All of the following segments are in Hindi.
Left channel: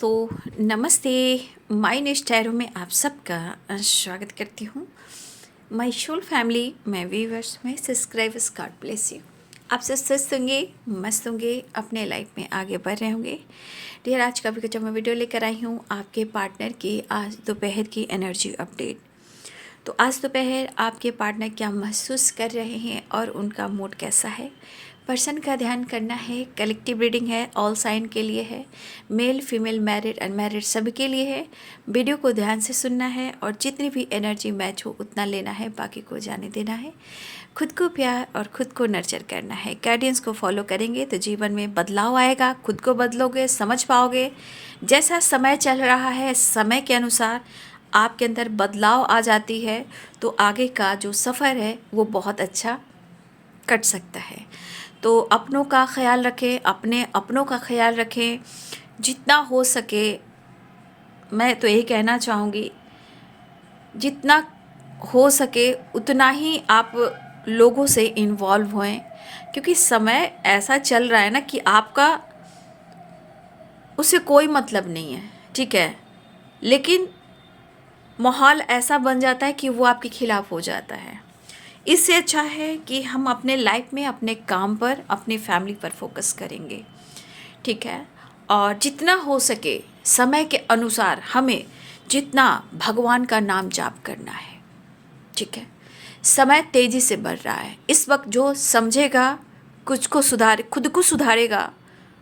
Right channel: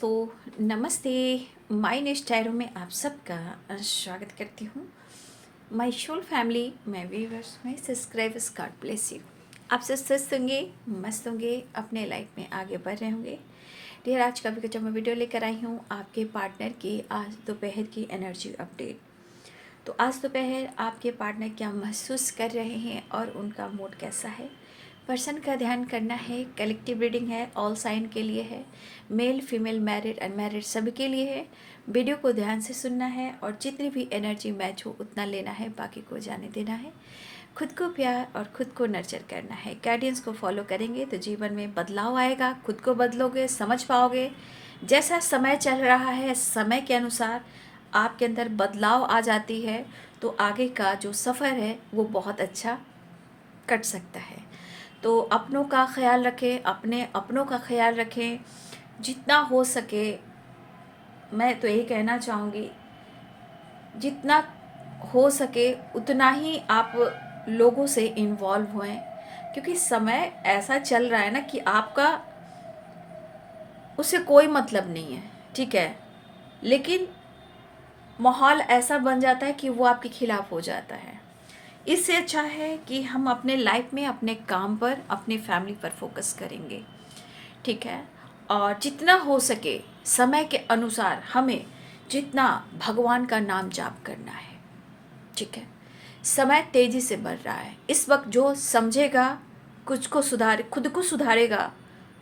दोस्तों नमस्ते। माय नेक्स्ट टैरो में आप सबका स्वागत करती हूँ। माय सोल फैमिली, मैं व्यूअर्स में सब्सक्राइबर्स, गॉड ब्लेस यू। आप सब स्वस्थ होंगे, मस्त होंगे, अपने लाइफ में आगे बढ़ रहे होंगे। डियर, आज का भी जब मैं वीडियो लेकर आई हूँ आपके पार्टनर की आज दोपहर की एनर्जी अपडेट। तो आज दोपहर आपके पार्टनर क्या महसूस कर रहे हैं और उनका मूड कैसा है, पर्सन का ध्यान करना है। कलेक्टिव रीडिंग है, ऑल साइन के लिए है, मेल फीमेल मैरिड अनमैरिड सभी के लिए है। वीडियो को ध्यान से सुनना है और जितनी भी एनर्जी मैच हो उतना लेना है, बाकी को जाने देना है। खुद को प्यार और खुद को नर्चर करना है। गाइडेंस को फॉलो करेंगे तो जीवन में बदलाव आएगा, खुद को बदलोगे, समझ पाओगे। जैसा समय चल रहा है, समय के अनुसार आपके अंदर बदलाव आ जाती है तो आगे का जो सफ़र है वो बहुत अच्छा कट सकता है। तो अपनों का ख्याल रखें, अपने अपनों का ख्याल रखें जितना हो सके। मैं तो यही कहना चाहूँगी, जितना हो सके उतना ही आप लोगों से इन्वॉल्व होएं, क्योंकि समय ऐसा चल रहा है ना कि आपका उससे कोई मतलब नहीं है, ठीक है, लेकिन माहौल ऐसा बन जाता है कि वो आपके खिलाफ हो जाता है। इससे अच्छा है कि हम अपने लाइफ में अपने काम पर, अपनी फैमिली पर फोकस करेंगे, ठीक है। और जितना हो सके समय के अनुसार हमें जितना भगवान का नाम जाप करना है, ठीक है। समय तेज़ी से बढ़ रहा है इस वक्त। जो समझेगा, कुछ को सुधारे, खुद को सुधारेगा,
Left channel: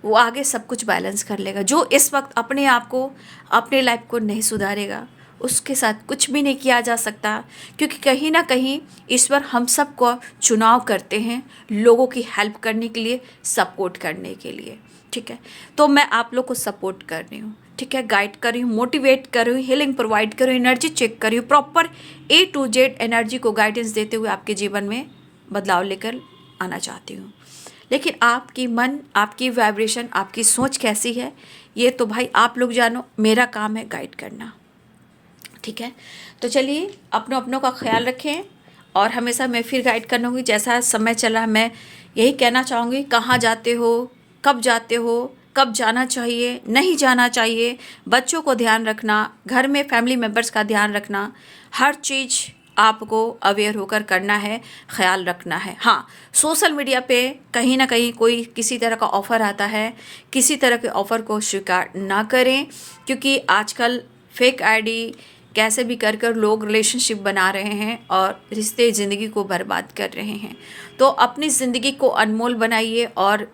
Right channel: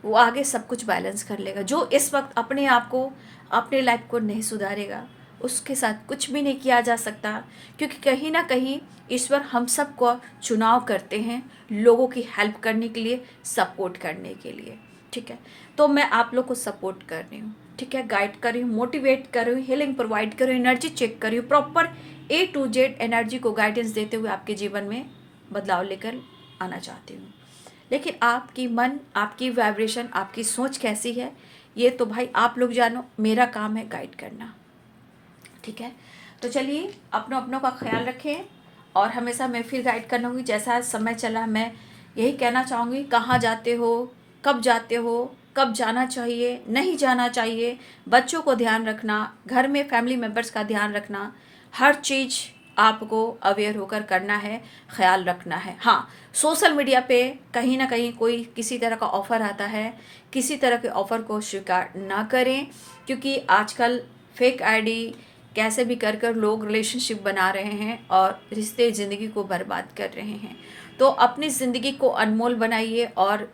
वो आगे सब कुछ बैलेंस कर लेगा। जो इस वक्त अपने आप को, अपने लाइफ को नहीं सुधारेगा, उसके साथ कुछ भी नहीं किया जा सकता, क्योंकि कहीं ना कहीं ईश्वर हम सबको चुनाव करते हैं लोगों की हेल्प करने के लिए, सपोर्ट करने के लिए, ठीक है। तो मैं आप लोग को सपोर्ट कर रही हूँ, ठीक है, गाइड कर रही हूँ, मोटिवेट कर रही हूँ, हीलिंग प्रोवाइड कर रही हूँ, एनर्जी चेक कर रही हूँ, proper A to Z energy को गाइडेंस देते हुए आपके जीवन में बदलाव लेकर आना चाहती हूँ। लेकिन आपकी मन, आपकी वाइब्रेशन, आपकी सोच कैसी है, ये तो भाई आप लोग जानो, मेरा काम है गाइड करना, ठीक है। तो चलिए, अपनों अपनों का ख्याल रखें और हमेशा मैं फिर गाइड करूँगी जैसा समय चला। मैं यही कहना चाहूँगी, कहाँ जाते हो, कब जाते हो, कब जाना चाहिए, नहीं जाना चाहिए, बच्चों को ध्यान रखना, घर में फैमिली मेम्बर्स का ध्यान रखना, हर चीज़ आपको अवेयर होकर करना है, ख्याल रखना है। हाँ, सोशल मीडिया पे कहीं ना कहीं कोई किसी तरह का ऑफ़र आता है, किसी तरह के ऑफ़र को स्वीकार ना करें, क्योंकि आजकल फेक आईडी कैसे भी कर कर लोग रिलेशनशिप बना रहे हैं और रिश्ते, ज़िंदगी को बर्बाद कर रहे हैं। तो अपनी ज़िंदगी को अनमोल बनाइए, और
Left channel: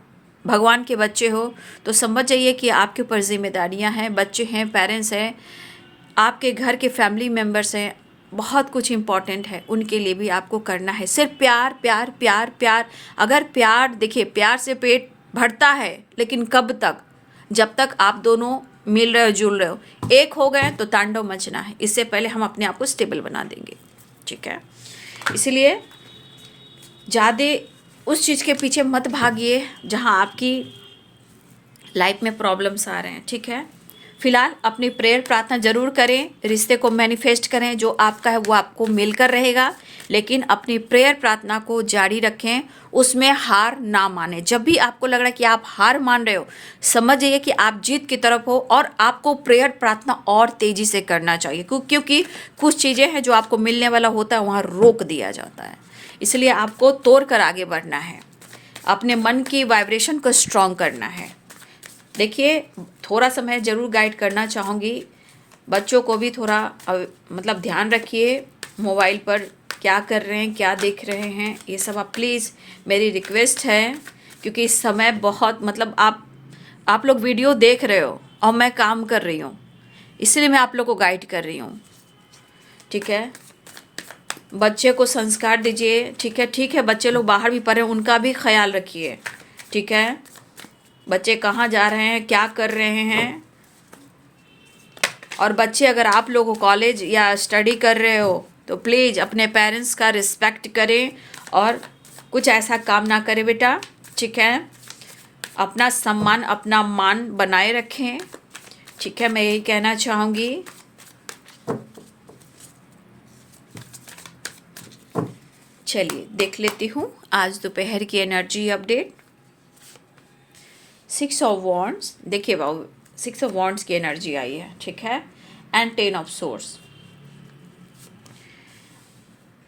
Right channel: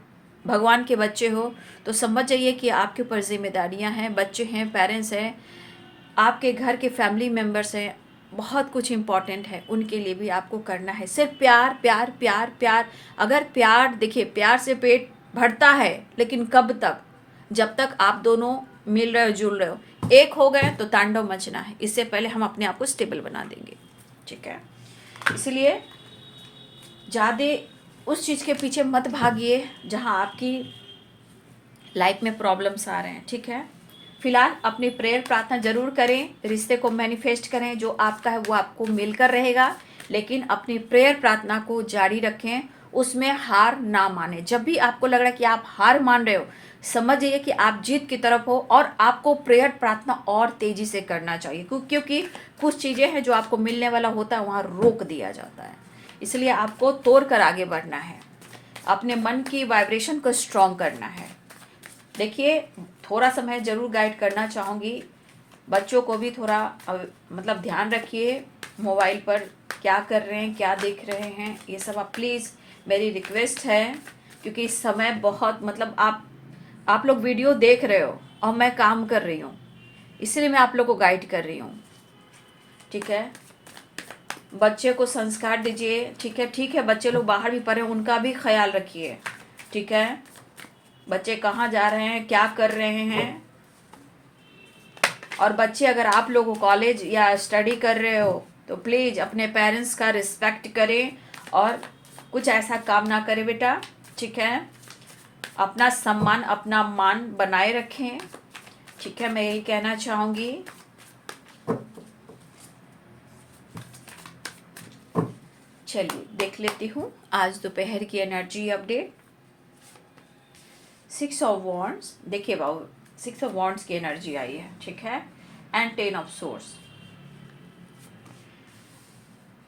भगवान के बच्चे हो तो समझ जाइए कि आपके ऊपर जिम्मेदारियां हैं, बच्चे हैं, पेरेंट्स हैं, आपके घर के फैमिली मेम्बर्स हैं, बहुत कुछ इम्पॉर्टेंट है, उनके लिए भी आपको करना है। सिर्फ प्यार प्यार प्यार प्यार। अगर प्यार, देखिए, प्यार से पेट भरता है, लेकिन कब तक? जब तक आप दोनों मिल रहे हो, जुल रहे हो, एक हो गए तो तांडव मचना है। इससे पहले हम अपने आप को स्टेबल बना देंगे, ठीक है। इसलिए ज़्यादा उस चीज़ के पीछे मत भागिए जहाँ आपकी लाइफ में प्रॉब्लम्स आ रहे हैं, ठीक है। फिलहाल अपनी प्रेयर प्रार्थना जरूर करें, रिश्ते को मैनिफेस्ट करें, जो आपका है वो आपको मिलकर रहेगा, लेकिन अपनी प्रेयर प्रार्थना को जारी रखें, उसमें हार ना माने। जब भी आपको लग रहा है कि आप हार मान रहे हो, समझ जाइए कि आप जीत की तरफ हो, और आपको प्रेयर प्रार्थना और तेज़ी से करना चाहिए, क्योंकि कुछ चीज़ें हैं जो आपको मिलने वाला होता है वहाँ रोक दिया जाता है। इसलिए आपको तोड़ कर आगे बढ़ना है, अपने मन की वाइब्रेशन को स्ट्रॉन्ग करना है। देखिए, थोड़ा सा मैं ज़रूर गाइड करना चाहूँगी, बच्चों को भी थोड़ा मतलब ध्यान रखिए, मोबाइल पर क्या कर रहे हैं, क्या देख रहे हैं, ये सब आप प्लीज़, मेरी रिक्वेस्ट है, क्योंकि इस समय बहुत मतलब आप लोग वीडियो देख रहे हो और मैं काम कर रही हूँ, इसलिए मैं आप लोग को गाइड कर रही हूँ, ठीक है। बच्चे को संस्कार दीजिए, ठीक है, बच्चे लोग बाहर भी पढ़े, उनका भी ख्याल रखिए, ठीक है। बच्चे कहाँ जा रहे हैं, क्या कर रहे हैं, और बच्चे अगर आप लोग कॉलेज या स्टडी कर रहे हो तो प्लीज़ अपने पेरेंट्स का रिस्पेक्ट करें और कुछ ऐसा काम ना करें बेटा, ठीक है। अपना सम्मान, अपना मान बनाए रखें, ठीक है, मैं यही कहना चाहूँगी। चलिए देख लेती हूँ आज दोपहर की एनर्जी अपडेट। 6 ऑफ वॉन्ड्स, देखिए बाबू, सिक्स ऑफ वॉन्ड्स की एनर्जी आई है, ठीक है, and 10 of source,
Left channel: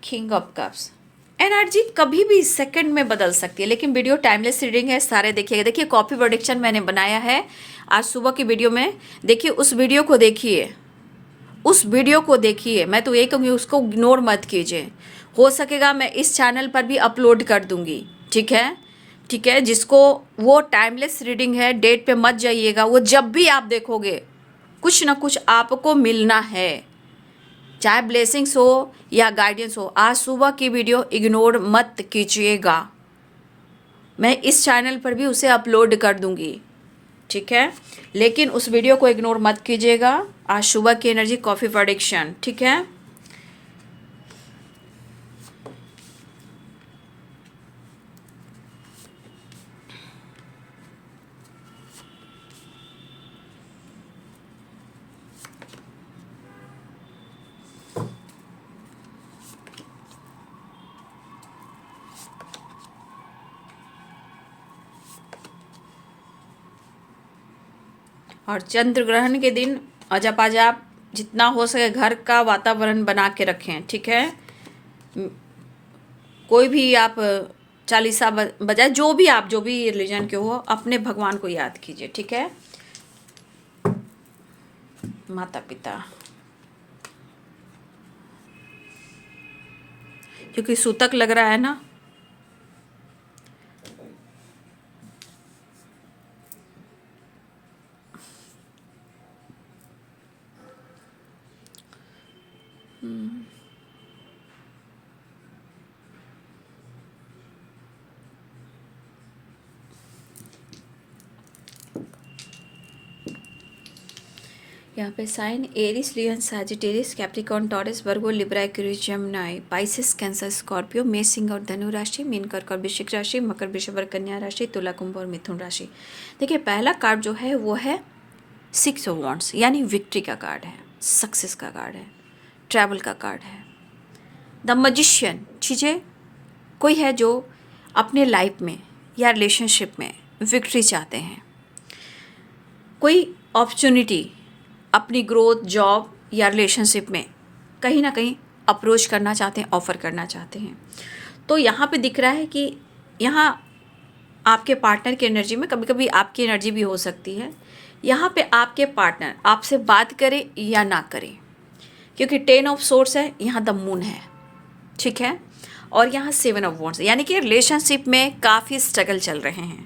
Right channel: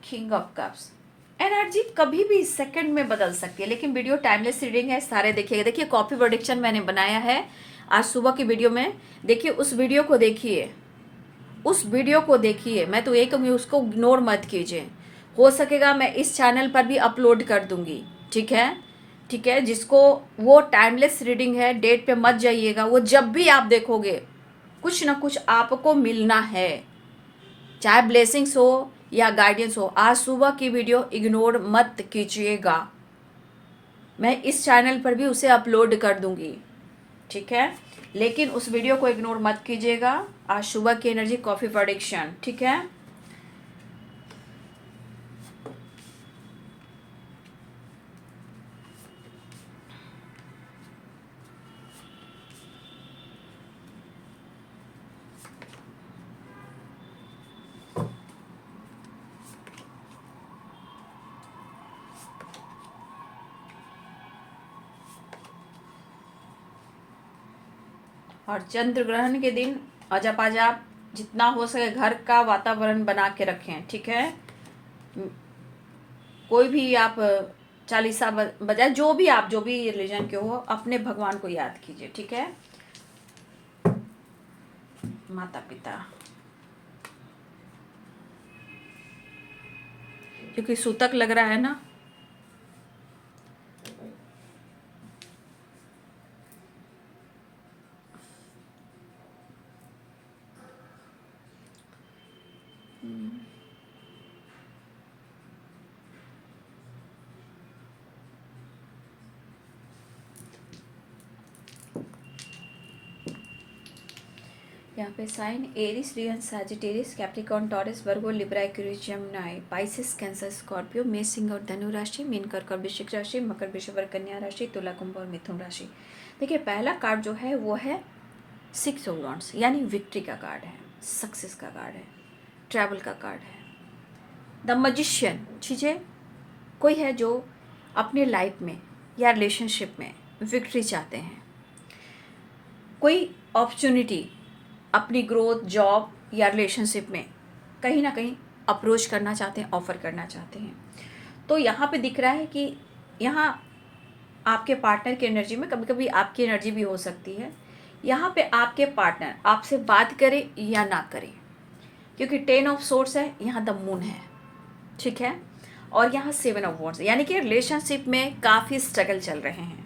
king of cups. Energy कभी भी सेकंड में बदल सकती है, लेकिन वीडियो टाइमलेस रीडिंग है, सारे देखिएगा। देखिए कॉपी प्रोडिक्शन मैंने बनाया है आज सुबह की वीडियो में, देखिए उस वीडियो को देखिए, उस वीडियो को देखिए। मैं तो यही कहूँगी उसको इग्नोर मत कीजिए, हो सकेगा मैं इस चैनल पर भी अपलोड कर दूंगी, ठीक है, ठीक है। जिसको वो टाइमलेस रीडिंग है, डेट पे मत जाइएगा, वो जब भी आप देखोगे कुछ ना कुछ आपको मिलना है, चाहे ब्लेसिंग्स हो या गाइडेंस हो। आज सुबह की वीडियो इग्नोर मत कीजिएगा, मैं इस चैनल पर भी उसे अपलोड कर दूंगी, ठीक है, लेकिन उस वीडियो को इग्नोर मत कीजिएगा। आज सुबह की एनर्जी कॉफी प्रोडिक्शन, ठीक है। और चंद्र ग्रहण के दिन अजब अजब जितना हो सके घर का वातावरण बना के रखें, ठीक है। कोई भी आप चालीसा बजाय, जो भी रिलीजन के हो, अपने भगवान को याद कीजिए, ठीक है। माता पिता, क्योंकि सूतक लग रहा है ना, यहाँ पे sign Aries, Leo, Sagittarius, Capricorn, Taurus, Virgo, Libra, Aquarius, Gemini, Pisces, Cancer, Scorpio, मेष, सिंह और धनु राशि, मीन, कर्क और वृश्चिक राशि, मकर, वृषभ और कन्या राशि, तुला, कुंभ और मिथुन राशि। देखिए पहला कार्ड जो है वो है 6 ऑफ वॉन्ड्स, यानी विक्ट्री का कार्ड है, सक्सेस का कार्ड है, ट्रैवल का कार्ड है। द मैजिशियन, चीज़ें कोई है जो अपने लाइफ में या रिलेशनशिप में विक्ट्री चाहते हैं, कोई अपॉर्चुनिटी अपनी ग्रोथ, जॉब या रिलेशनशिप में कहीं ना कहीं अप्रोच करना चाहते हैं, ऑफ़र करना चाहते हैं। तो यहाँ पे दिख रहा है कि यहाँ आपके पार्टनर की एनर्जी में, कभी कभी आपकी एनर्जी भी हो सकती है, यहाँ पे आपके पार्टनर आपसे बात करे या ना करे, क्योंकि 10 ऑफ सोर्स है, यहाँ द मून है, ठीक है, और यहाँ 7 ऑफ वॉन्ड्स, यानी कि रिलेशनशिप में काफ़ी स्ट्रगल चल रहे हैं।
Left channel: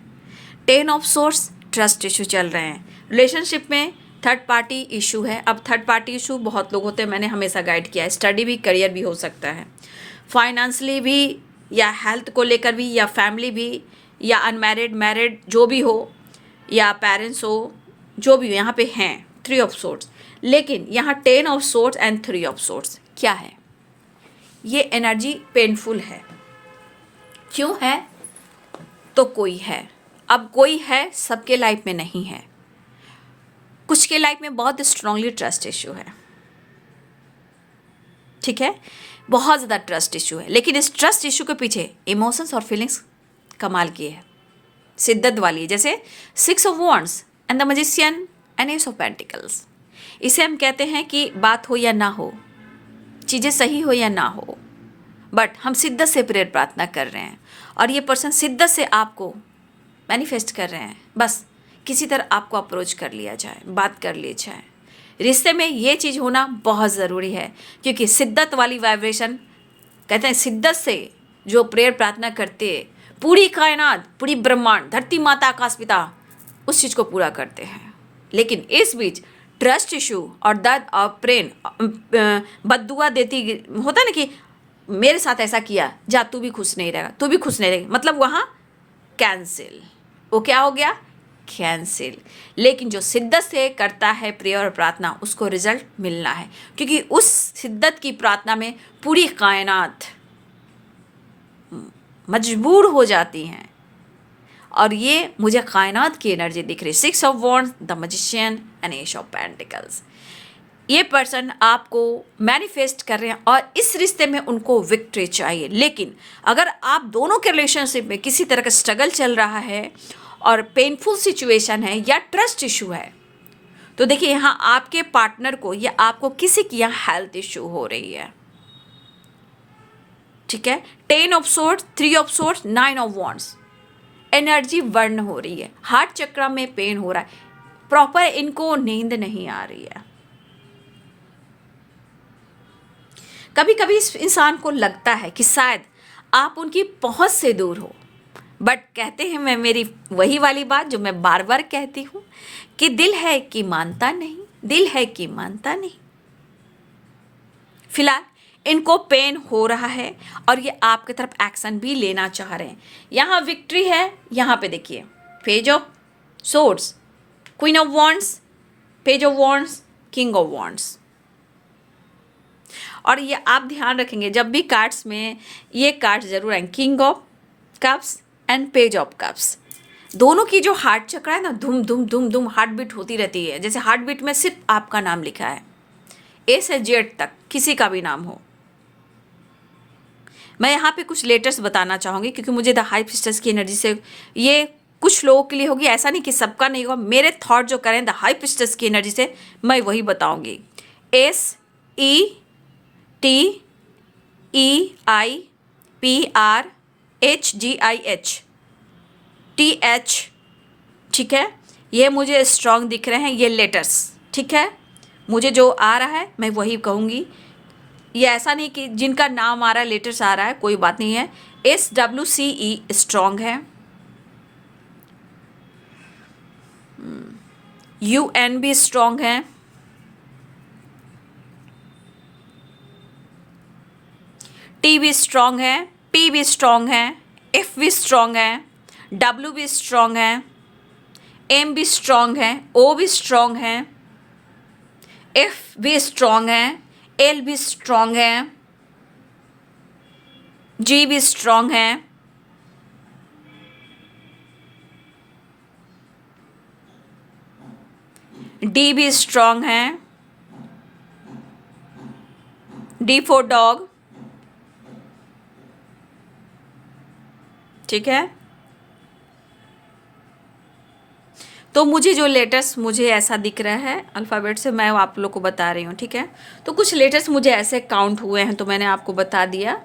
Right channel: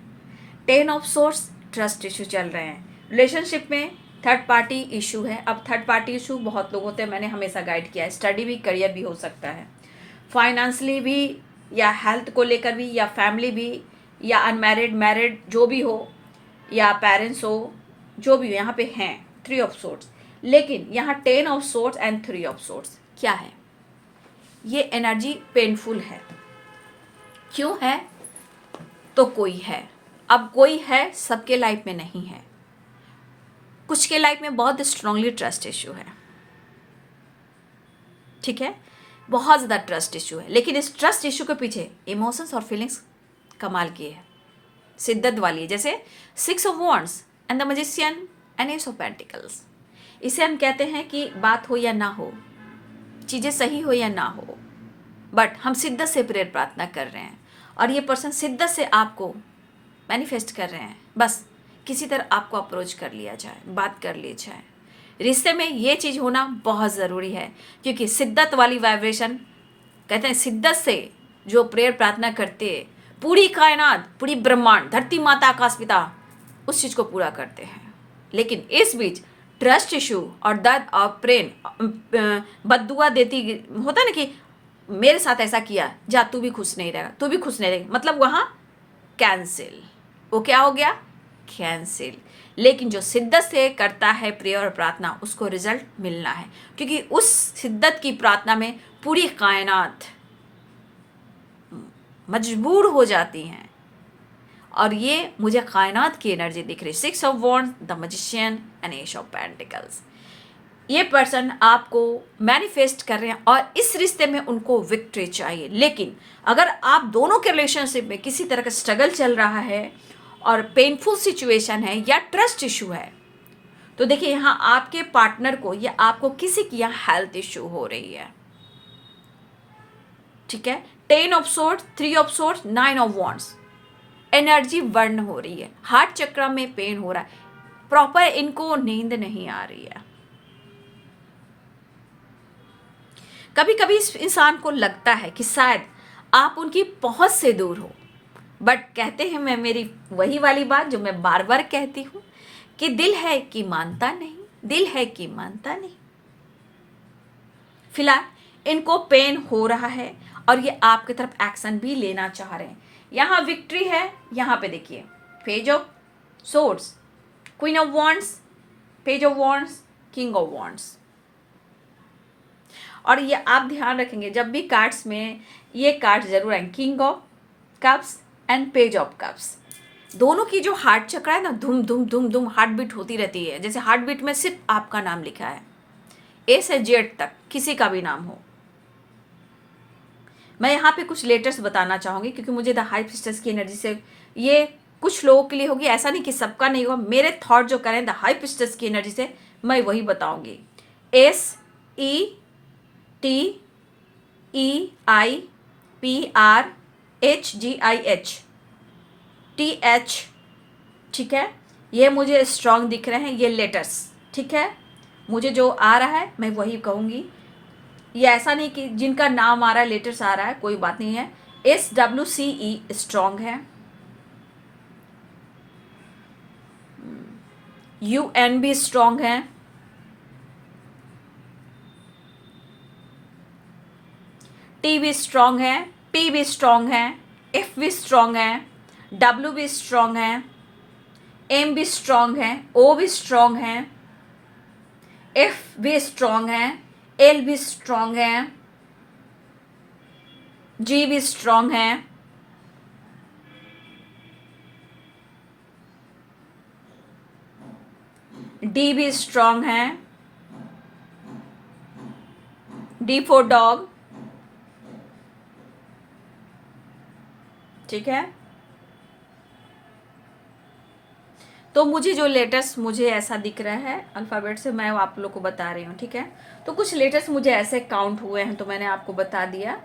10 ऑफ सोर्स, ट्रस्ट इशू चल रहे हैं, रिलेशनशिप में थर्ड पार्टी इशू है। अब थर्ड पार्टी इशू बहुत लोग होते हैं, मैंने हमेशा गाइड किया है, स्टडी भी, करियर भी हो सकता है, फाइनेंशियली भी, या हेल्थ को लेकर भी, या फैमिली भी, या अनमैरिड, मैरिड, जो भी हो, या पेरेंट्स हो, जो भी हो, यहाँ पे हैं 3 ऑफ सोर्ट्स। लेकिन यहाँ 10 of sorts and 3 of sorts क्या है, ये एनर्जी पेनफुल है। क्यों है? तो कोई है, अब कोई है, सबके लाइफ में नहीं है, कुछ के लाइफ में बहुत स्ट्रांगली ट्रस्ट इशू है, ठीक है, बहुत ज़्यादा ट्रस्ट इशू है, लेकिन इस ट्रस्ट इशू के पीछे इमोशंस और फीलिंग्स कमाल की है, शिद्दत वाली है, जैसे 6 of wands and the magician and S of pentacles. इसे हम कहते हैं कि बात हो या ना हो, चीज़ें सही हो या ना हो, बट हम शिद्दत से प्रेयर प्रार्थना कर रहे हैं, और ये पर्सन शिद्दत से आपको मैनिफेस्ट कर रहे हैं, बस किसी तरह आपको अप्रोच कर लिया जाए, बात कर ली जाए। रिश्ते में ये चीज़ होना बहुत ज़रूरी है, क्योंकि शिद्दत वाली वाइब्रेशन, कहते हैं शिद्दत से जो प्रेयर प्रार्थना करते हैं, पूरी कायनात, पूरी ब्रह्मांड, धरती माता, आकाश पिता उस चीज़ को पूरा करते हैं। लेकिन इस बीच ट्रस्ट इशू और दर्द और प्रेम, बद्दुआ देती, होता है ना कि मेरे साथ ऐसा किया, जा तू भी खुश नहीं रहेगा, तू भी खुश नहीं रहेगी, मतलब वहाँ कैंसिल, वो क्या हो गया, कैंसिल। लेकिन जो शिद्दत से करता है प्रेयर और प्रार्थना, उसको रिजल्ट मिलना है, क्योंकि उस शिद्दत की प्रार्थना में पूरी कायनात मजबूर हो जाती हैं, और ये मुझे कायनात की एनर्जी दिख रही। 6 of wands, the magician and S of pentacles. ये पर्सन आपको मैनिफेस्ट कर रहे हैं और इस रिश्ते में उनको विक्ट्री चाहिए। लेकिन अगर आप दोनों के रिलेशनशिप में किसी तरह का स्ट्रगल चल रहा है और पेनफुल सिचुएशन है या ट्रस्ट इशू है, तो देखिए यहाँ आपके पार्टनर को या आपको किसी की यहाँ हेल्थ इश्यू हो रही है, ठीक है। 10 of swords, 3 of swords, 9 of wands, energy burn हो रही है, हार्ट चक्र में पेन हो रहा है, प्रॉपर इनको नींद नहीं आ रही है। कभी कभी इस इंसान को लगता है कि शायद आप उनकी पहुंच से दूर हो, बट कहते हैं, मैं मेरी वही वाली बात जो मैं बार बार कहती हूँ कि दिल है कि मानता नहीं, दिल है कि मानता नहीं। फिलहाल इनको पेन हो रहा है और ये आपकी तरफ एक्शन भी लेना चाह रहे हैं। यहाँ विक्ट्री है, यहाँ पे देखिए page of swords, queen of wands, page of wands, king of wands. और ये आप ध्यान रखेंगे जब भी कार्ड्स में ये कार्ड जरूर आए, king of cups and page of cups. दोनों की जो हार्ट चक्र है ना, धुम धुम धुम धुम हार्ट बीट होती रहती है। जैसे हार्ट बीट में सिर्फ आपका नाम लिखा है, ए से जेड तक किसी का भी नाम हो। मैं यहाँ पे कुछ लेटर्स बताना चाहूँगी क्योंकि मुझे द हाई प्रीस्टेस की एनर्जी से ये कुछ लोगों के लिए होगी, ऐसा नहीं कि सबका नहीं होगा। मेरे थॉट जो करें द हाई प्रीस्टेस की एनर्जी से मैं वही बताऊँगी। SETEIPRHGIH ठीक है, ये मुझे स्ट्रॉन्ग दिख रहे हैं ये लेटर्स, ठीक है। मुझे जो आ रहा है मैं वही कहूँगी। ये ऐसा नहीं कि जिनका नाम आ रहा है लेटर्स आ रहा है, कोई बात नहीं है। SWCE स्ट्रॉन्ग है, UN भी स्ट्रॉन्ग है, T भी स्ट्रॉन्ग है, P भी स्ट्रॉन्ग है, F भी स्ट्रॉन्ग है, W भी स्ट्रॉन्ग है, M भी स्ट्रॉन्ग है, O भी स्ट्रॉन्ग है, F भी स्ट्रॉन्ग है, L भी स्ट्रॉन्ग है, G भी स्ट्रॉन्ग है, D भी स्ट्रॉन्ग है, D फॉर डॉग, ठीक है। तो मुझे जो लेटर्स मुझे ऐसा दिख रहा है अल्फ़ाबेट से, मैं आप लोग को बता रही हूँ, ठीक है। तो कुछ लेटर्स मुझे ऐसे काउंट हुए हैं तो मैंने आपको बता दिया।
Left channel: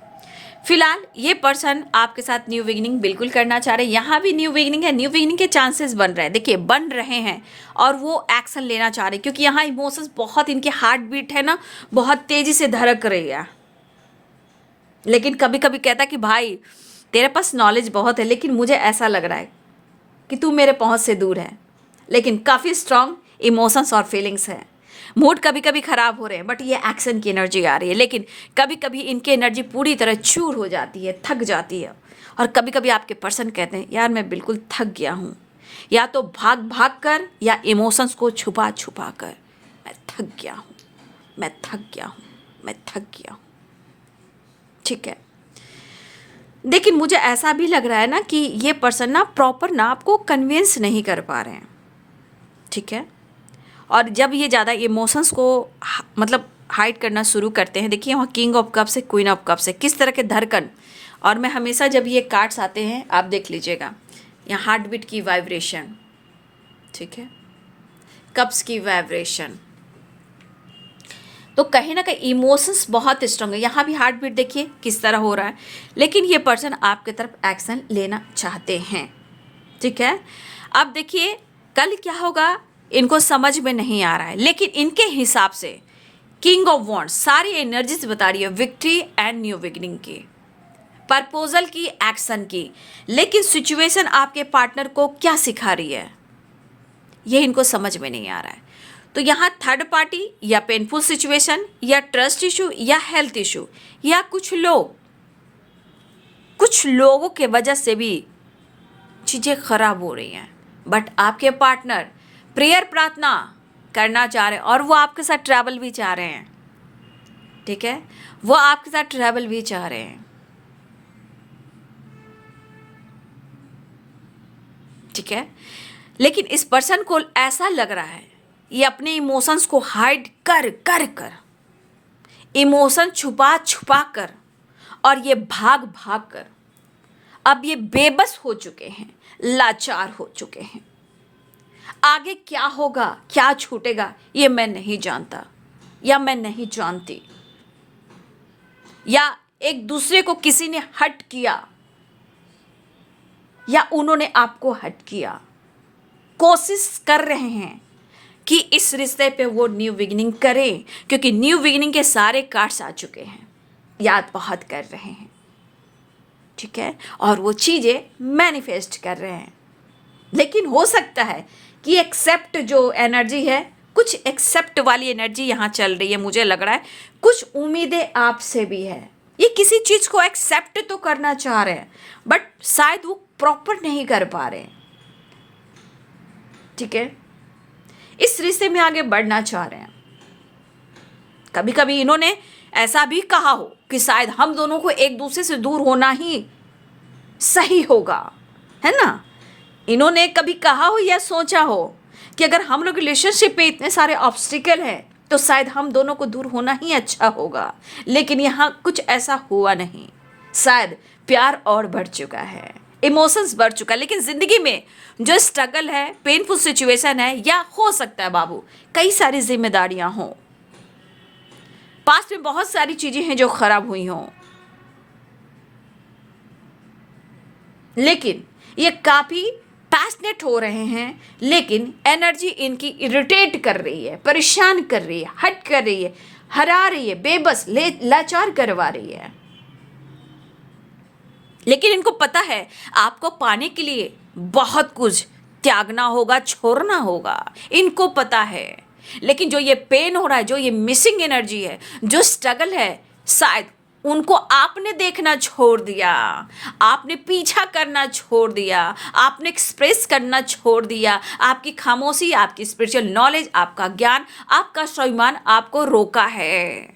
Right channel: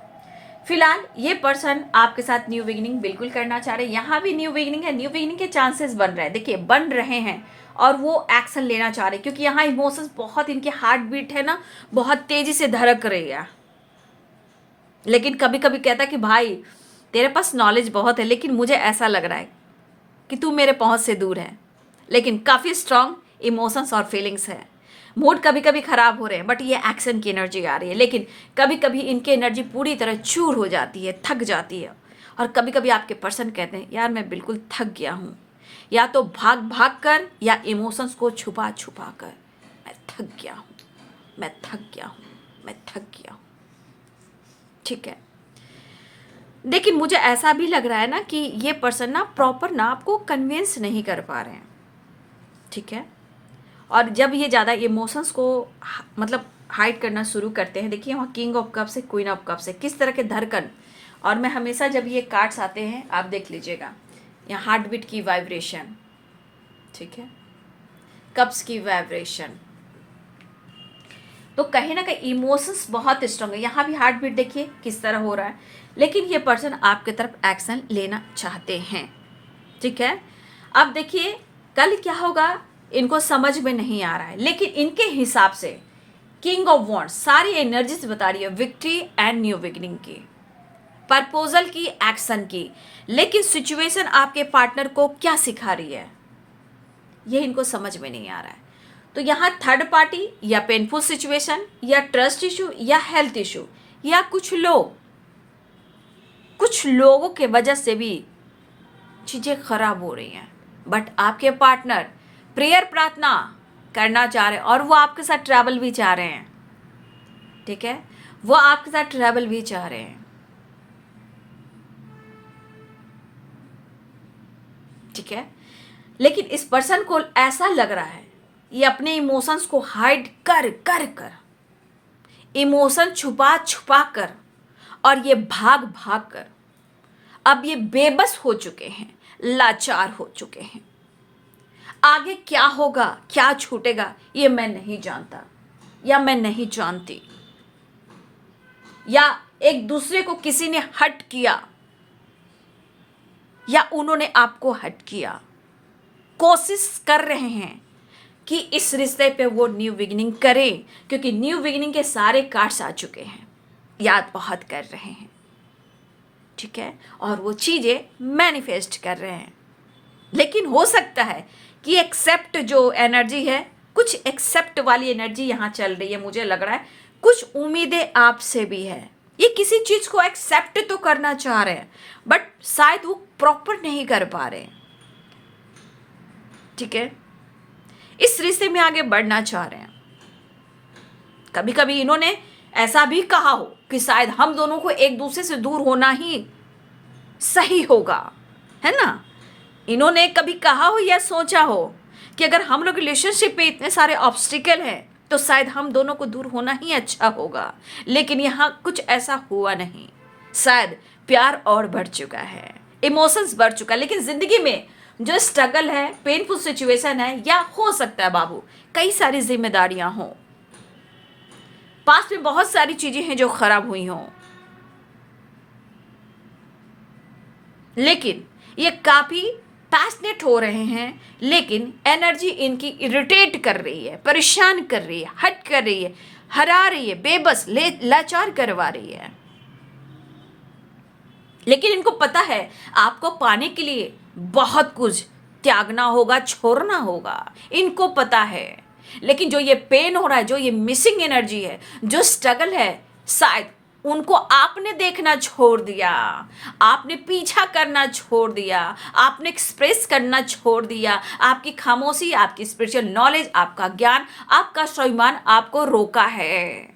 फिलहाल ये पर्सन आपके साथ न्यू बिगिनिंग बिल्कुल करना चाह रहे हैं। यहाँ भी न्यू बिगिनिंग है, न्यू बिगिनिंग के चांसेस बन रहे हैं, देखिए बन रहे हैं, और वो एक्शन लेना चाह रहे हैं क्योंकि यहाँ इमोशंस बहुत, इनके हार्ट बीट है ना बहुत तेज़ी से धड़क रही है। लेकिन कभी कभी कहता है कि भाई तेरे पास नॉलेज बहुत है, लेकिन मुझे ऐसा लग रहा है कि तू मेरे पहुँच से दूर है। लेकिन काफ़ी स्ट्रांग इमोशंस और फीलिंग्स है। मूड कभी कभी ख़राब हो रहे हैं, बट ये एक्शन की एनर्जी आ रही है। लेकिन कभी कभी इनकी एनर्जी पूरी तरह चूर हो जाती है, थक जाती है। और कभी कभी आपके पर्सन कहते हैं यार मैं बिल्कुल थक गया हूँ, या तो भाग भाग कर या इमोशंस को छुपा छुपा कर, मैं थक गया हूँ, मैं थक गया हूँ, मैं थक गया हूँ, ठीक है। लेकिन मुझे ऐसा भी लग रहा है ना कि ये पर्सन ना प्रॉपर ना आपको कन्विंस नहीं कर पा रहे हैं, ठीक है। और जब ये ज़्यादा इमोशंस को मतलब हाइड करना शुरू करते हैं, देखिए वहाँ किंग ऑफ कप्स से, क्वीन ऑफ कप्स से, किस तरह के धड़कन। और मैं हमेशा जब ये कार्ड्स आते हैं आप देख लीजिएगा, यहाँ हार्ट बीट की वाइब्रेशन, ठीक है, कप्स की वाइब्रेशन, तो कहीं ना कहीं इमोशंस बहुत स्ट्रांग है। यहाँ भी हार्ट बीट देखिए किस तरह हो रहा है। लेकिन ये पर्सन आपके तरफ एक्शन लेना चाहते हैं, ठीक है। अब देखिए कल क्या होगा इनको समझ में नहीं आ रहा है, लेकिन इनके हिसाब से किंग ऑफ वॉन्ड्स सारी एनर्जीज बता रही है विक्ट्री एंड न्यू बिगिनिंग की, प्रपोजल की, एक्शन की। लेकिन सिचुएशन आपके पार्टनर को क्या सिखा रही है ये इनको समझ में नहीं आ रहा है। तो यहाँ थर्ड पार्टी या पेनफुल सिचुएशन या ट्रस्ट इशू या हेल्थ इशू या कुछ लोगों के वजह से भी चीज़ें खराब हो रही हैं। बट आपके पार्टनर प्रेयर प्रार्थना करना चाह रहे हैं और वो आपके साथ ट्रैवल भी चाह रहे हैं, ठीक है, वो आपके साथ ट्रैवल भी चाह रहे हैं, ठीक है। लेकिन इस पर्सन को ऐसा लग रहा है ये अपने इमोशंस को हाइड कर कर कर, इमोशन छुपा छुपा कर, और ये भाग भाग कर अब ये बेबस हो चुके हैं, लाचार हो चुके हैं। आगे क्या होगा, क्या छूटेगा, ये मैं नहीं जानता या मैं नहीं जानती, या एक दूसरे को किसी ने हर्ट किया या उन्होंने आपको हर्ट किया, कोशिश कर रहे हैं कि इस रिश्ते पे वो न्यू बिगिनिंग करें, क्योंकि न्यू बिगिनिंग के सारे कार्ड्स आ चुके हैं, याद बहुत कर रहे हैं, ठीक है, और वो चीज़ें मैनिफेस्ट कर रहे हैं। लेकिन हो सकता है कि एक्सेप्ट जो एनर्जी है, कुछ एक्सेप्ट वाली एनर्जी यहाँ चल रही है, मुझे लग रहा है कुछ उम्मीदें आपसे भी है, ये किसी चीज़ को एक्सेप्ट तो करना चाह रहे हैं बट शायद वो प्रॉपर नहीं कर पा रहे, ठीक है, इस रिश्ते में आगे बढ़ना चाह रहे हैं। कभी कभी इन्होंने ऐसा भी कहा हो कि शायद हम दोनों को एक दूसरे से दूर होना ही सही होगा, है ना। इन्होंने कभी कहा हो या सोचा हो कि अगर हम लोग रिलेशनशिप में इतने सारे ऑब्स्टिकल हैं तो शायद हम दोनों को दूर होना ही अच्छा होगा, लेकिन यहाँ कुछ ऐसा हुआ नहीं, शायद प्यार और बढ़ चुका है, इमोशंस बढ़ चुका है, लेकिन ज़िंदगी में जो स्ट्रगल है, पेनफुल सिचुएशन है, या हो सकता है बाबू कई सारी जिम्मेदारियां हों, पास्ट में बहुत सारी चीज़ें हैं जो खराब हुई हों, लेकिन ये काफ़ी पैशनेट हो रहे हैं, लेकिन एनर्जी इनकी इरिटेट कर रही है, परेशान कर रही है, हट कर रही है, हरा रही है, बेबस लाचार करवा रही है। लेकिन इनको पता है आपको पाने के लिए बहुत कुछ त्यागना होगा, छोड़ना होगा, इनको पता है। लेकिन जो ये पेन हो रहा है, जो ये मिसिंग एनर्जी है, जो स्ट्रगल है, शायद उनको आपने देखना छोड़ दिया, आपने पीछा करना छोड़ दिया, आपने एक्सप्रेस करना छोड़ दिया, आपकी खामोशी, आपकी स्पिरिचुअल नॉलेज, आपका ज्ञान, आपका स्वाभिमान आपको रोका है।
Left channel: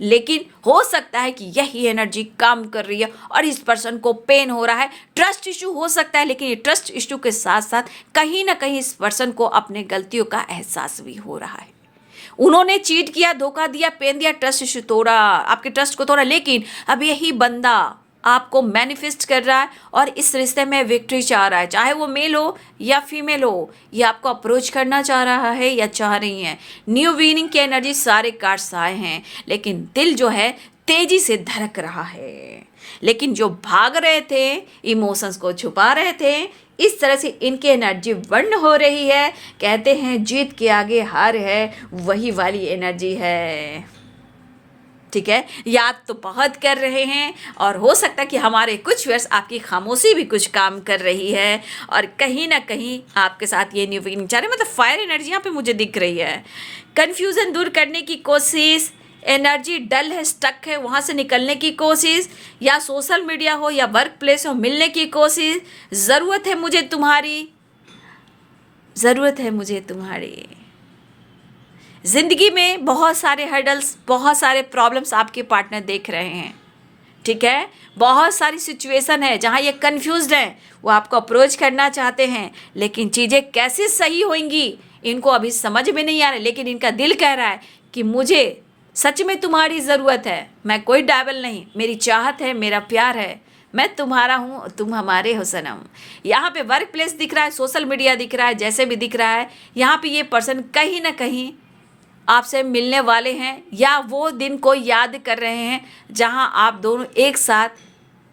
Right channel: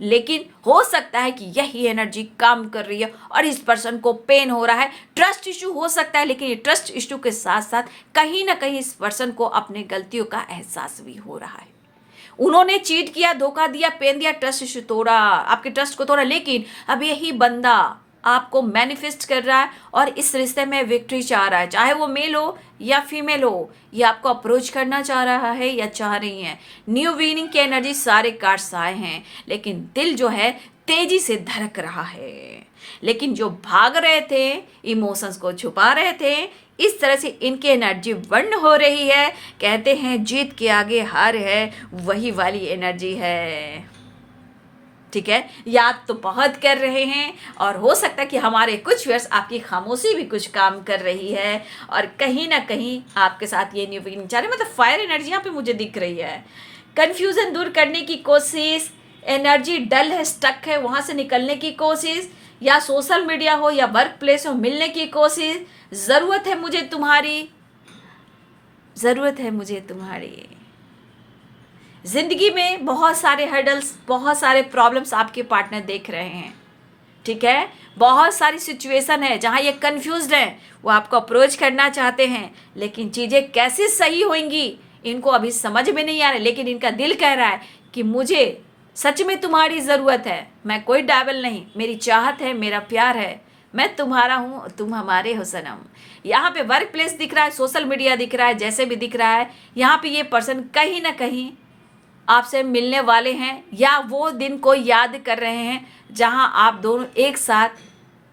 लेकिन हो सकता है कि यही एनर्जी काम कर रही है और इस पर्सन को पेन हो रहा है, ट्रस्ट इशू हो सकता है, लेकिन ये ट्रस्ट इशू के साथ साथ कहीं ना कहीं इस पर्सन को अपने गलतियों का एहसास भी हो रहा है। उन्होंने चीट किया, धोखा दिया, पेन दिया, ट्रस्ट इशू तोड़ा, आपके ट्रस्ट को तोड़ा, लेकिन अब यही बंदा आपको मैनिफेस्ट कर रहा है और इस रिश्ते में विक्ट्री चाह रहा है, चाहे वो मेल हो या फीमेल हो, ये आपको अप्रोच करना चाह रहा है या चाह रही है। न्यू बीनिंग की एनर्जी सारे कार्ड्स आए हैं, लेकिन दिल जो है तेजी से धड़क रहा है, लेकिन जो भाग रहे थे, इमोशंस को छुपा रहे थे, इस तरह से इनकी एनर्जी बर्न हो रही है। कहते हैं जीत के आगे हार है, वही वाली एनर्जी है, ठीक है। याद तो बहुत कर रहे हैं और हो सकता है कि हमारे कुछ वर्ष आपकी खामोशी भी कुछ काम कर रही है और कहीं ना कहीं आपके साथ ये न्यू बिगिनिंग चाह रहे हैं। मतलब फायर एनर्जी यहाँ पे मुझे दिख रही है, कन्फ्यूज़न दूर करने की कोशिश, एनर्जी डल है, स्टक है, वहाँ से निकलने की कोशिश, या सोशल मीडिया हो या वर्क प्लेस हो, मिलने की कोशिश, ज़रूरत है मुझे तुम्हारी, ज़रूरत है मुझे तुम्हारी। ज़िंदगी में बहुत सारे हर्डल्स, बहुत सारे प्रॉब्लम्स आपके पार्टनर देख रहे हैं, ठीक है। बहुत सारी सिचुएशन है जहाँ ये कन्फ्यूज्ड हैं, वो आपको अप्रोच करना चाहते हैं, लेकिन चीज़ें कैसे सही होंगी इनको अभी समझ में नहीं आ रहा, लेकिन इनका दिल कह रहा है कि मुझे सच में तुम्हारी ज़रूरत है, मैं कोई डायबल नहीं, मेरी चाहत है, मेरा प्यार है, मैं तुम्हारा हूँ, तुम हमारे हो सनम। यहाँ पे वर्क प्लेस दिख रहा है, सोशल मीडिया दिख रहा है, जैसे भी दिख रहा है, यहाँ पे ये पर्सन कहीं ना कहीं आपसे मिलने वाले हैं या वो दिन को याद कर रहे हैं जहां आप दोनों एक साथ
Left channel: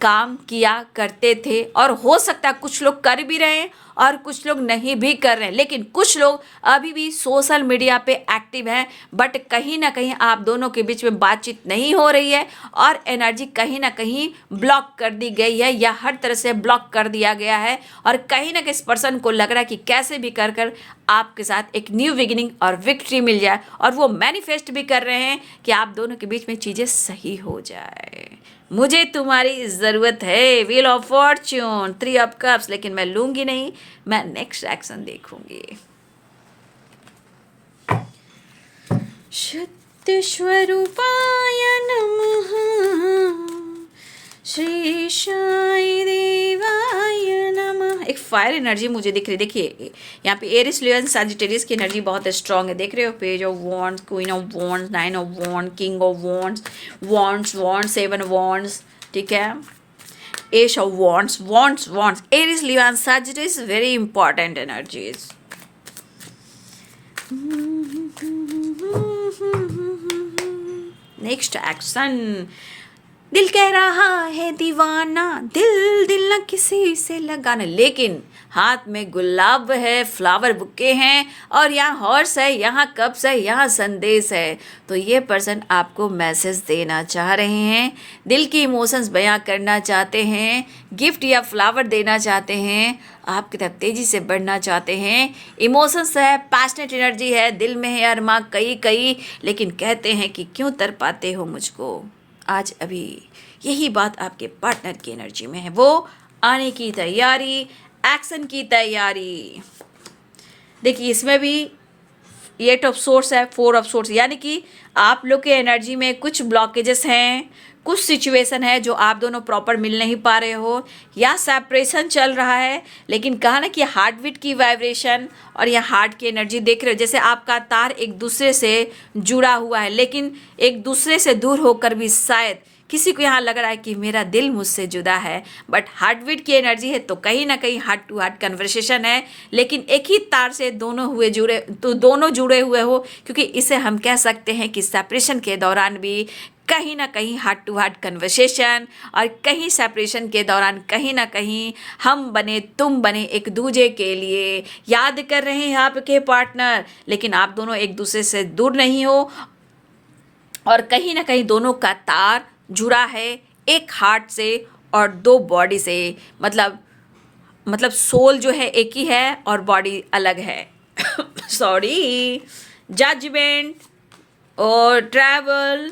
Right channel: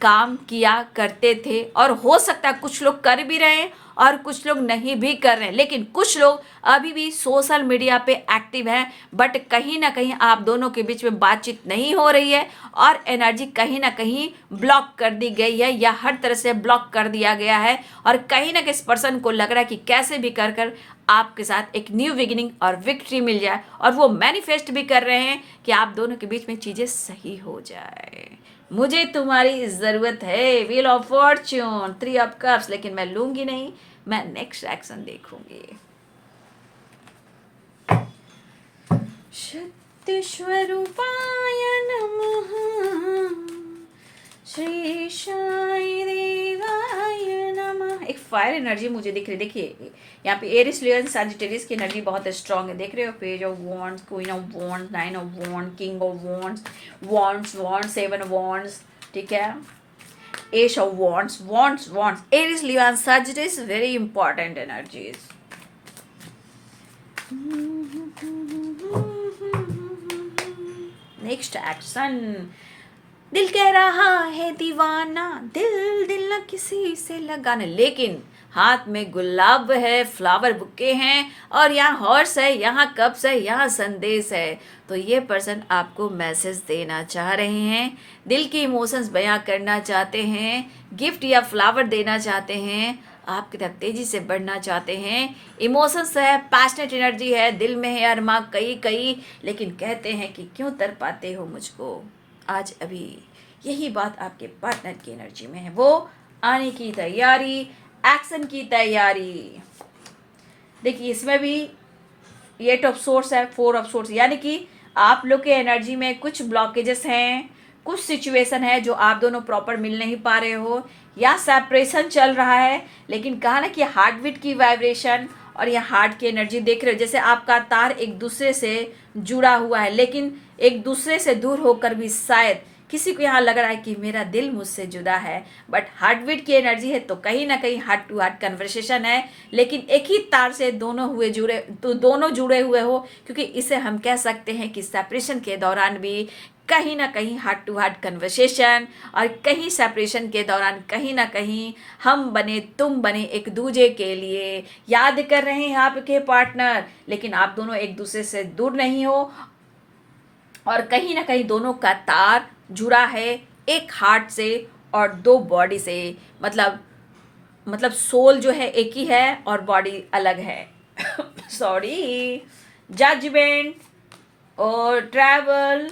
काम किया करते थे। और हो सकता है कुछ लोग कर भी रहे हैं और कुछ लोग नहीं भी कर रहे हैं, लेकिन कुछ लोग अभी भी सोशल मीडिया पे एक्टिव हैं, बट कहीं ना कहीं आप दोनों के बीच में बातचीत नहीं हो रही है और एनर्जी कहीं ना कहीं ब्लॉक कर दी गई है या हर तरह से ब्लॉक कर दिया गया है। और कहीं ना कहीं इस पर्सन को लग रहा है कि कैसे भी कर कर आपके साथ एक न्यू बिगिनिंग और विक्ट्री मिल जाए, और वो मैनिफेस्ट भी कर रहे हैं कि आप दोनों के बीच में चीज़ें सही हो जाए। मुझे तुम्हारी ज़रूरत है, wheel of Fortune, 3 of cups, लेकिन मैं लूँगी नहीं, मैं नेक्स्ट एक्शन देखूंगी। शक्ति स्वरूपाय नमः, श्री साई देवाय नमः। एक फायर एनर्जी मुझे दिख रही है, देखिए यहाँ पे एरिस, लियो, सजिटेरियस की एनर्जी बहुत स्ट्रांग है, देख रहे हो, page of wands, queen of wands, 9 of wand, king of wands, wands 7 wands, ठीक है, ace of wands, Aries, Leo and Sagittarius, very important energies, next action. दिल कह रहा है दीवाना, दिल दिल न किसी से लगाना, लेकिन हाथ में गुलाब है, फ्लावर बुके हैं, और यहाँ हॉर्स है, यहाँ कप्स है, यहाँ संदेश है। तो ये पर्सन आपको मैसेज देना चाह रहे हैं, दिल की इमोशंस बयां करना चाहते हैं, गिफ्ट या फ्लावर देना चाहते हैं, आपकी तरफ तेज़ी से बढ़ना चाहते हैं। इमोशंस है, पैशनेट एनर्जी है, दिल में है अरमा कई कई, लेकिन कहते हैं कि क्यों तर पाते हो मुझको। आज अभी यही बात आपके पार्टनर की एनर्जी में है, वो आने की तैयारी, एक्शन की तैयारी। देखिए इसमें भी 8 ऑफ सोर्स है, 4 ऑफ सोर्स, यानी कि आप लोग के एनर्जी में कुछ ब्लॉकेजेस हैं, कुछ सिचुएशन है जो आप दोनों प्रॉपर मिल नहीं पा रहे हो, या सेपरेशन चल रहा है। लेकिन कहा ना कि हार्ट बीट की वाइब्रेशन और या हार्ट की एनर्जी देख रहे हो, जैसे आपका तार एक दूसरे से जुड़ा हुआ है, लेकिन एक दूसरे से दूर होकर भी शायद किसी को यहाँ लग रहा है कि मेरा दिल मुझसे जुदा है, बट हार्ट बीट की एनर्जी है तो कहीं ना कहीं हार्ट टू हार्ट कन्वर्सेशन है, लेकिन एक ही तार से दोनों जुड़े हुए हो, क्योंकि इसे हम कह सकते हैं कि सेपरेशन के दौरान भी कहीं ना कहीं हार्ट टू हार्ट कन्वर्सेशन, और कहीं सेपरेशन के दौरान कहीं ना कहीं हम बने तुम बने एक दूसरे के लिए याद कर रहे हैं आपके पार्टनर, लेकिन आप दोनों एक दूसरे से दूर नहीं हो, और कहीं ना कहीं दोनों का तार जुड़ा है एक हार्ट से और 2 बॉडी से, मतलब सोल जो है एक ही है और बॉडी अलग है। सॉरी, जजमेंट और ट्रैवल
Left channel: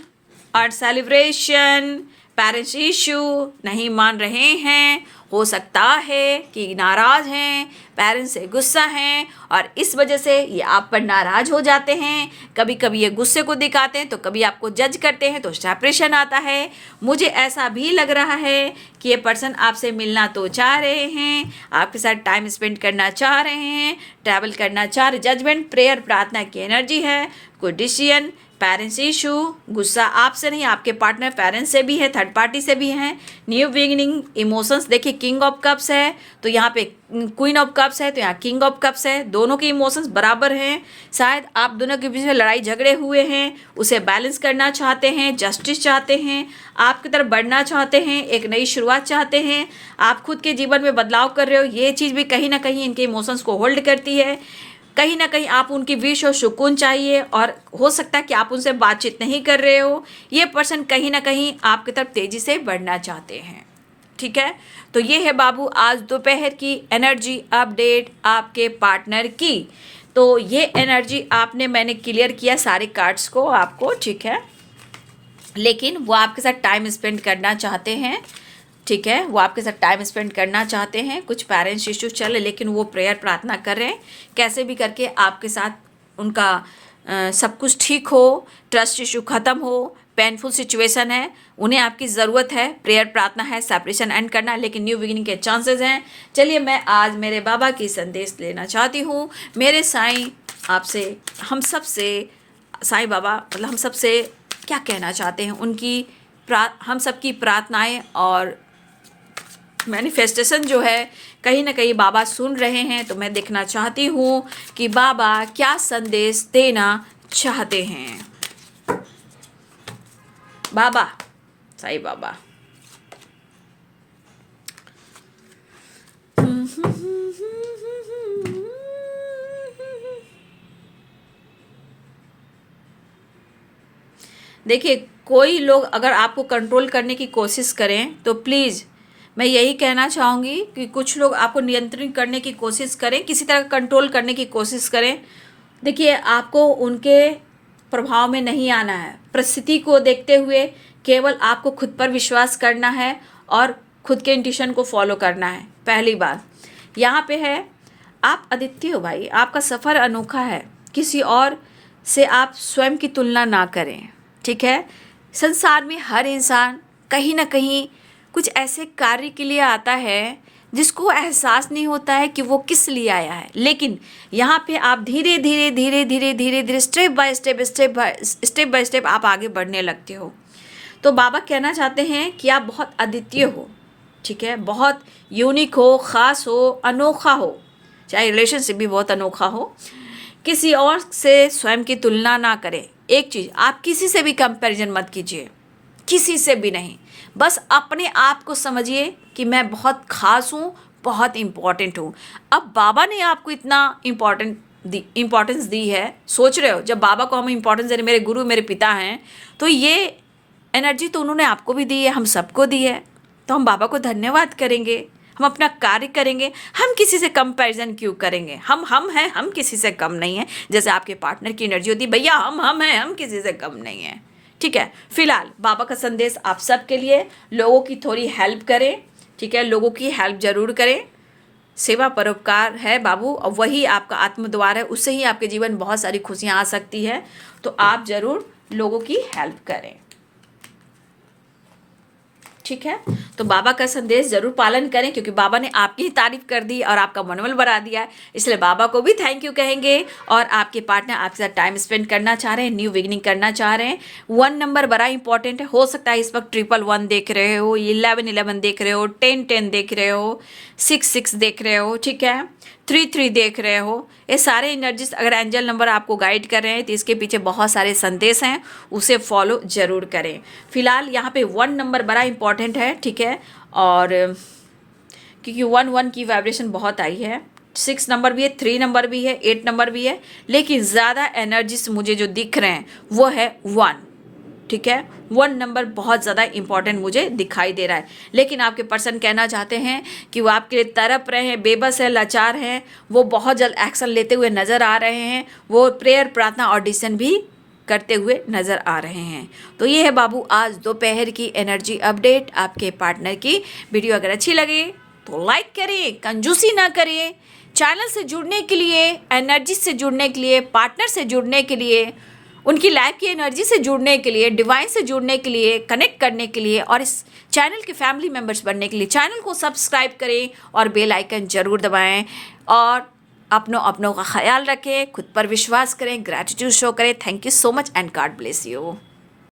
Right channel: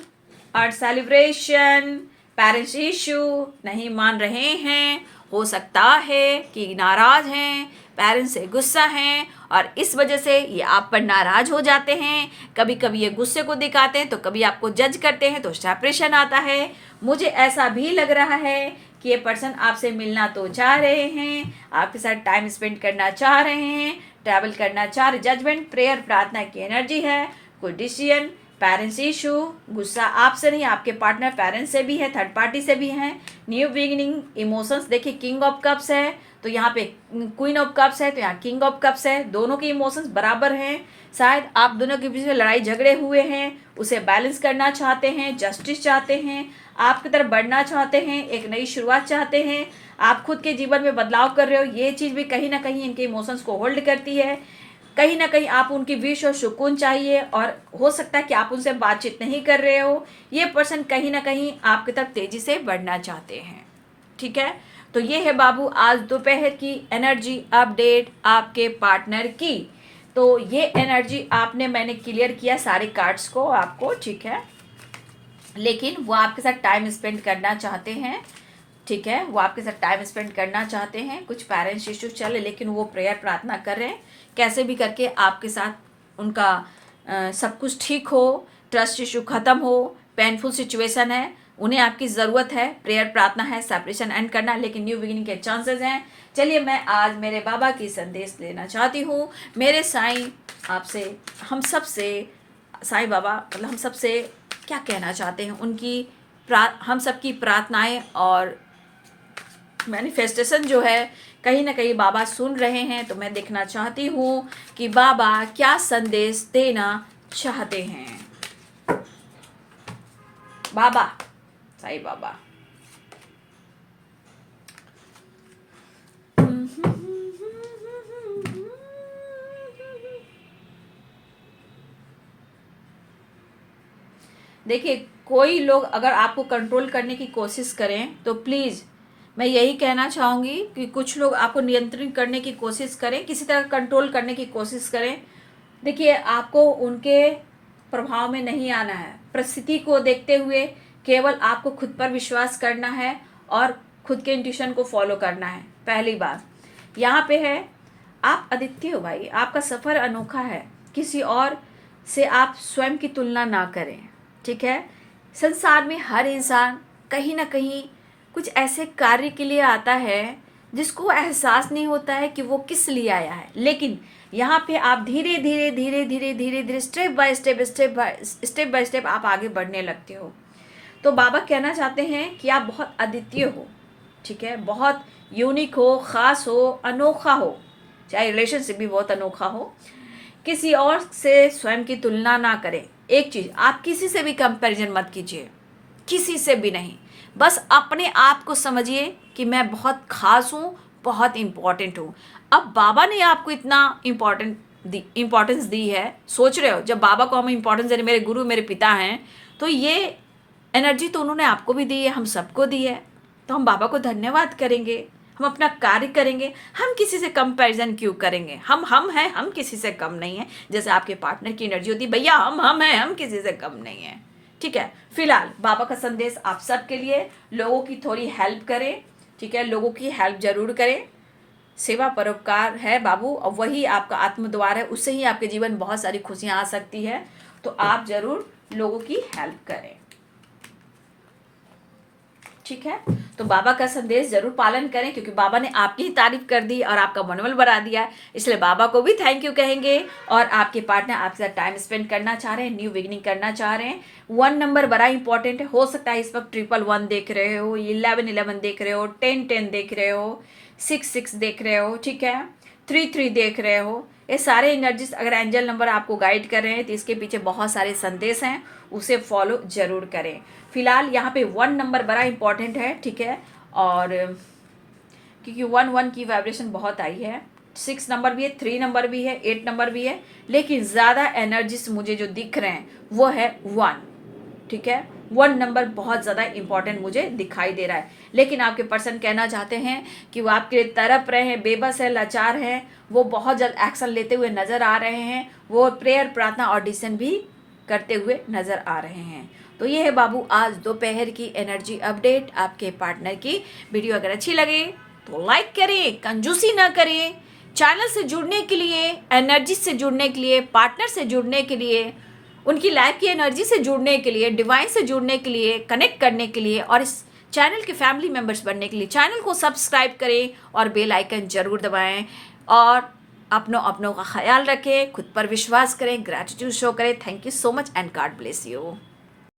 और सेलिब्रेशन, पेरेंट्स इशू नहीं मान रहे हैं, हो सकता है कि नाराज़ हैं, पेरेंट्स से गुस्सा हैं, और इस वजह से ये आप पर नाराज़ हो जाते हैं। कभी कभी ये गुस्से को दिखाते हैं, तो कभी आपको जज करते हैं, तो सेपरेशन आता है। मुझे ऐसा भी लग रहा है कि ये पर्सन आपसे मिलना तो चाह रहे हैं, आपके साथ टाइम स्पेंड करना चाह रहे हैं, ट्रैवल करना चाह रहे। जजमेंट, प्रेयर, प्रार्थना की एनर्जी है, कोई डिसीजन, पेरेंट्स इशू, गुस्सा आपसे नहीं आपके पार्टनर पेरेंट्स से भी है, थर्ड पार्टी से भी है, न्यू बिगिनिंग, इमोशंस। देखिए किंग ऑफ कप्स है तो यहाँ पे क्वीन ऑफ कप्स है, तो यहाँ किंग ऑफ कप्स है, दोनों के इमोशंस बराबर हैं। शायद आप दोनों के बीच में लड़ाई झगड़े हुए हैं, उसे बैलेंस करना चाहते हैं, जस्टिस चाहते हैं, आपकी तरफ बढ़ना चाहते हैं, एक नई शुरुआत चाहते हैं, आप खुद के जीवन में बदलाव कर रहे हो। ये चीज़ भी कहीं ना कहीं इनके इमोशंस को होल्ड करती है। कहीं ना कहीं आप उनकी विश और सुकून चाहिए, और हो सकता है कि आप उनसे बातचीत नहीं कर रहे हो। ये पर्सन कहीं ना कहीं आपकी तरफ तेज़ी से बढ़ना चाहते हैं। ठीक है, तो ये है बाबू आज दोपहर की एनर्जी अपडेट आपके पार्टनर की। तो ये एनर्जी मैंने क्लियर किया सारे कार्ड्स को आपको, ठीक है, लेकिन वो आपके साथ टाइम स्पेंड करना चाहते हैं। ठीक है, वो आपके साथ टाइम स्पेंड करना चाहते हैं। कुछ पेरेंट्स इश्यूज चले, लेकिन वो प्रेयर प्रार्थना कर रहे हैं कैसे भी करके आपके साथ उनका सब कुछ ठीक हो, ट्रस्ट इशू ख़त्म हो। पेनफुल सिचुएशन है, उन्हें आपकी ज़रूरत है, प्रेयर प्रार्थना है, सेपरेशन एंड करना, लेकिन न्यू बिगिनिंग के चांसेस हैं। चलिए मैं आज मेरे बाबा की संदेश लेना चाहती हूँ। मेरे साईं आपसे, हम सब से, साईं बाबा मतलब हम सब से क्या कहना चाहते हैं, उनकी हम सबकी प्रार्थनाएं और मैनिफेस्टेशन जो है कहीं ना कहीं बाबा सुन रहे हैं। तो मैं देखना चाहती हूँ कि बाबा क्या संदेश देना चाहते हैं। बाबा, साईं बाबा, देखिए कोई लोग अगर आपको कंट्रोल करने की कोशिश करें तो प्लीज़ मैं यही कहना चाहूँगी कि कुछ लोग आपको नियंत्रित करने की कोशिश करें, किसी तरह कंट्रोल करने की कोशिश करें। देखिए आपको उनके प्रभाव में नहीं आना है। परिस्थिति को देखते हुए केवल आपको खुद पर विश्वास करना है और खुद के इंट्यूशन को फॉलो करना है। पहली बात यहाँ पे है, आप अद्वितीय हो भाई, आपका सफ़र अनोखा है, किसी और से आप स्वयं की तुलना ना करें। ठीक है, संसार में हर इंसान कहीं ना कहीं कुछ ऐसे कार्य के लिए आता है जिसको एहसास नहीं होता है कि वो किस लिए आया है, लेकिन यहाँ पे आप धीरे धीरे धीरे धीरे धीरे धीरे स्टेप बाय स्टेप आप आगे बढ़ने लगते हो। तो बाबा कहना चाहते हैं कि आप बहुत अद्वितीय हो। ठीक है, बहुत यूनिक हो, ख़ास हो, अनोखा हो, चाहे रिलेशनशिप भी बहुत अनोखा हो, किसी और से स्वयं की तुलना ना करें। एक चीज़, आप किसी से भी कंपैरिजन मत कीजिए, किसी से भी नहीं। बस अपने आप को समझिए कि मैं बहुत खास हूँ, बहुत इम्पॉर्टेंट हूँ। अब बाबा ने आपको इतना इम्पोर्टेंस दी है, सोच रहे हो जब बाबा को हम इम्पोर्टेंस दे रहे, मेरे गुरु मेरे पिता हैं, तो ये एनर्जी तो उन्होंने आपको भी दी है, हम सबको दी है। तो हम बाबा को धन्यवाद करेंगे, हम अपना कार्य करेंगे। हम किसी से कंपैरिजन क्यों करेंगे? हम हैं, हम किसी से कम नहीं है। जैसे आपके पार्टनर की एनर्जी होती है, भैया हम हैं, हम किसी से कम नहीं है। ठीक है, फिलहाल बाबा का संदेश आप सबके लिए, लोगों की थोड़ी हेल्प करें। ठीक है, लोगों की हेल्प जरूर करें। सेवा परोपकार है बाबू, और वही आपका आत्मद्वार है, उससे ही आपके जीवन में बहुत सारी खुशियां आ सकती है। तो आप जरूर लोगों की हेल्प करें। ठीक है, तो बाबा का संदेश जरूर पालन करें, क्योंकि बाबा ने आपकी ही तारीफ कर दी और आपका मनोबल बढ़ा दिया, इसलिए बाबा को भी थैंक यू कहेंगे। और आपके पार्टनर आपके साथ टाइम स्पेंड करना चाह रहे हैं, न्यू बिगिनिंग करना चाह रहे हैं। 1 नंबर बड़ा इंपॉर्टेंट है। हो सकता है इस वक्त 111 देख रहे हो, 1111 देख रहे हो, 1010 देख रहे हो, 66 देख रहे हो, ठीक है, 33 देख रहे हो। ये सारे एनर्जीज अगर एंजल नंबर आपको गाइड कर रहे हैं तो इसके पीछे बहुत सारे संदेश हैं, उसे फॉलो जरूर करें। फिलहाल यहाँ पे 1 नंबर बड़ा इंपॉर्टेंट है। ठीक है, और क्योंकि 1 की वाइब्रेशन बहुत आई है, 6 नंबर भी है, 3 नंबर भी है, 8 नंबर भी है, लेकिन ज़्यादा एनर्जीज मुझे जो दिख रहे हैं वो है 1। ठीक है, 1 नंबर बहुत ज़्यादा इंपॉर्टेंट मुझे दिखाई दे रहा है। लेकिन आपके पर्सन कहना चाहते हैं कि वो आपके लिए तड़प रहे हैं, बेबस है, लाचार हैं, वो बहुत जल्द एक्शन लेते हुए नज़र आ रहे हैं, वो प्रेयर, प्रार्थना और डिसीजन भी करते हुए नज़र आ रहे हैं। तो ये है बाबू आज दोपहर की एनर्जी अपडेट आपके पार्टनर की। वीडियो अगर अच्छी लगे तो लाइक करें, कंजूसी ना करें। चैनल से जुड़ने के लिए, एनर्जी से जुड़ने के लिए, पार्टनर से जुड़ने के लिए, उनकी लाइफ की एनर्जी से जुड़ने के लिए, डिवाइन से जुड़ने के लिए, कनेक्ट करने के लिए और इस चैनल के फैमिली मेंबर्स बनने के लिए चैनल को सब्सक्राइब करें और बेल आइकन जरूर दबाएं। और अपनों का ख्याल रखें, खुद पर विश्वास करें, ग्रैटिट्यूड शो करें। Thank you so much and God bless you.